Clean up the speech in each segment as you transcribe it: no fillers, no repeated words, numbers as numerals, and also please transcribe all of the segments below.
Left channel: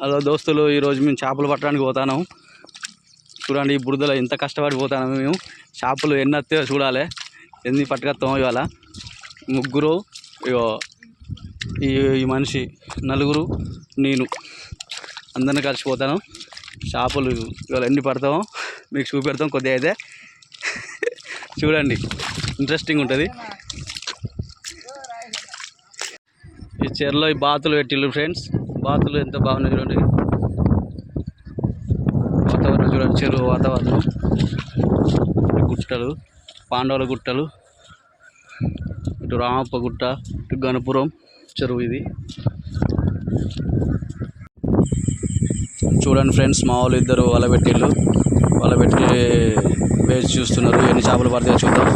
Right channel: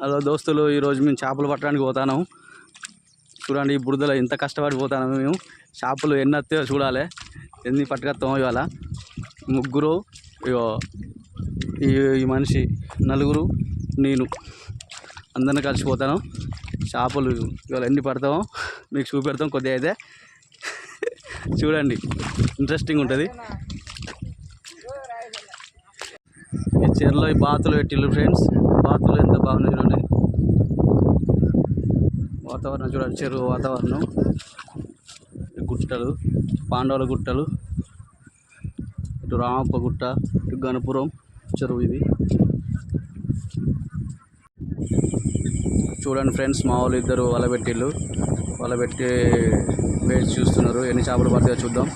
Hello దోస్తులు, ఈరోజు మేము చేపలు పట్టడానికి పోతాను. చూడండి, ఈ బురదలో ఎంత కష్టపడిపోతాను. మేము చేపలు ఎన్ని వస్తాయో చూడాలి, ఎన్ని పట్టుకొస్తామో. ఇవాళ ముగ్గురు, ఈ మనిషి నలుగురు, నేను అందరిని కలిసిపోతాను. చేపలు ఇవాళ ఎన్ని పడతామో మీకు చూపెడతాం. కొద్దిగా అయితే చూడండి, ఇంట్రెస్టింగ్ ఉంటుంది. ఈ చెరులో ఈ బాతులు పెట్టిళ్ళు ఫ్రెండ్స్. బాతులు ఎంత బాగున్నాయి చూడండి. వాతావరణం చూడండి, చెరువు వాతావరణం. గుట్టలు, పాండవుల గుట్టలు, ఇటు రామప్ప గుట్ట, ఇటు గణపురం చెరువు. ఇది చూడండి ఫ్రెండ్స్, మా వాళ్ళు ఇద్దరు వల పెట్టిళ్ళు. వల పెట్టి వేసి చూస్తున్నారు, ఎన్ని చేపలు పడతాయో చూద్దాం.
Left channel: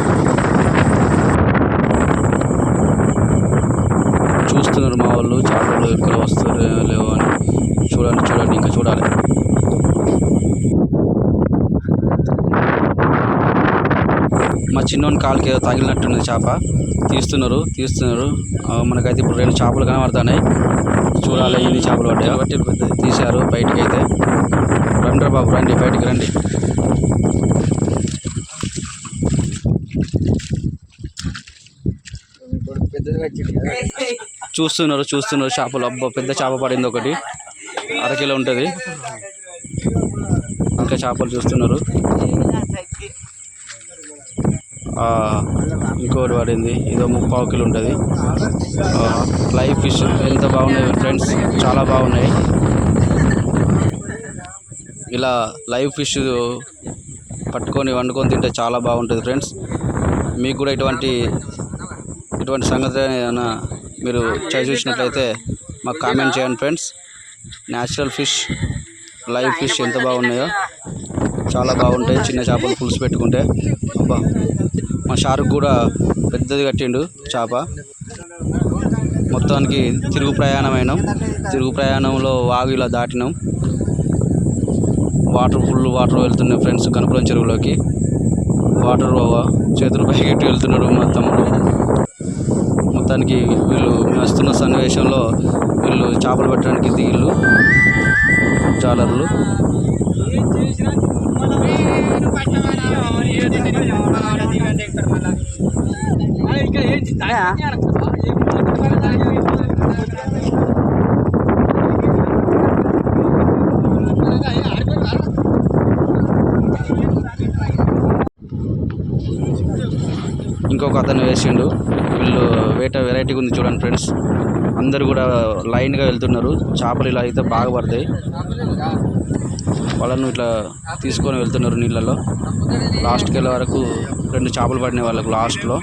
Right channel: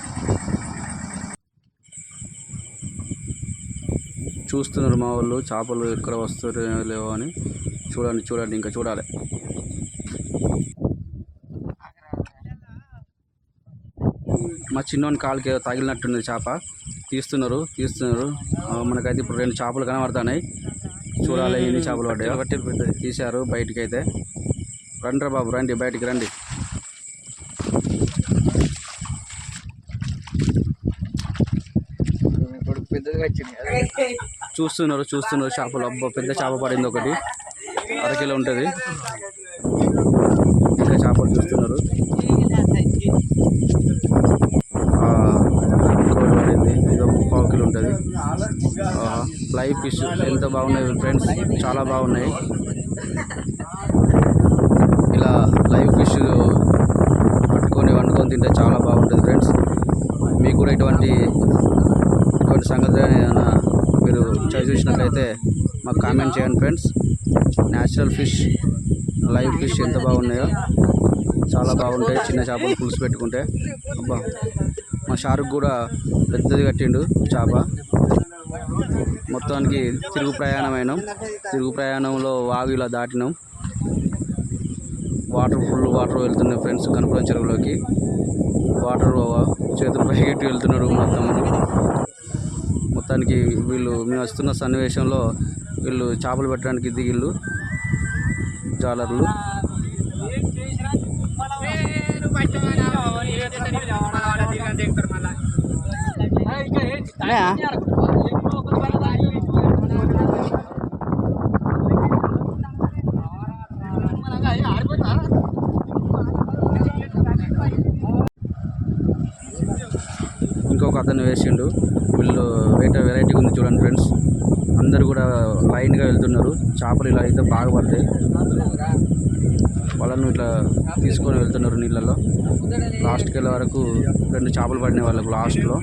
చూస్తున్నారు మా వాళ్ళు, చేపలు ఎక్కడ వస్తారో లేవో అని. చూడండి, ఇంకా చూడాలి. మా చిన్నోని కాలుకి ఏదో తగిలినట్టున్నది చేప. తీస్తున్నారు. మనకైతే ఇప్పుడు 2 చేపలు కనబడుతున్నాయి. చూడాలి ఎన్ని చేపలు పడ్డాయో. బట్టి పెద్దది తీశారు బయటికి. అయితే రండి బాబు, రండి బయటికి రండి. చూస్తున్నారు చేపలు. అబ్బా, పెద్ద చేప పడింది ఒకటి, 1/2 కిలో ఉంటుంది. ఇంకా చేపలు చూస్తున్నారు. ఇంకోటి పడింది, ఇదో 3/4 కిలో ఉంటుంది. లైవ్ ఫిష్ ఎంత బాగున్నాయి ఫ్రెండ్స్, చాలా బాగున్నాయి. ఇలా లైవ్ ఫిష్ పట్టుకొని వండుకొని తింటే చాలా బాగుంటుంది ఫ్రెండ్స్. మీకు కూడా ఇటువంటి సంగతి ఏమైనా మీరు చూసినట్లయితే మాకు కామెంట్ చేయండి friends. Natural fish, live fish ఎంత బాగున్నాయో, చాలా బాగుంటాయి. చిన్న చేపలు పులుసు పెట్టుకుంటే. అబ్బా, మా షారుక్ కూడా పెద్దది కట్టిండు చేప. మొత్తానికి తిరుగు ప్రయాణంలో వాగు ఇలా దాటినాం. ఫుల్ వాటర్ వెళ్తున్నాయి ఫ్రెండ్స్ గణపురం చెరువులోకి. వాటర్ చేతులు పైకెట్టి వెళ్తున్నాడు మా తమ్ముడు. మొత్తానికి మేము వస్తున్న సన్నివేశంలో వీళ్ళు చేపలు పెట్టడానికి దిగిళ్ళు జాలర్లు. ఇంకొక అతను వేసిండు. వీళ్ళు వెరైటీగా ఉంది చూడండి ఫ్రెండ్స్. అందరు కూడా లైన్గా వెళ్తున్నారు. చేపలు ఇలా అయితే బాగా పడతాయి. వాళ్ళను ఇట్లా తీసుకొని వెళ్తున్నారు నీళ్ళలో. లాస్ట్కి వెళ్ళే వరకు 2 చేపలు పడినాయి వాళ్ళకు లాస్ట్లో.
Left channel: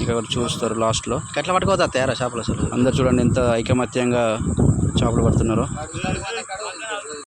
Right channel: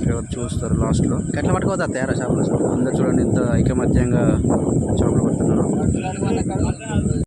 ఇంకెవరు చూస్తారు లాస్ట్లో. ఎట్లా పట్టుకోతా తయారా చేపలు అసలు. అందరు చూడండి ఎంత ఐకమత్యంగా చేపలు పడుతున్నారు.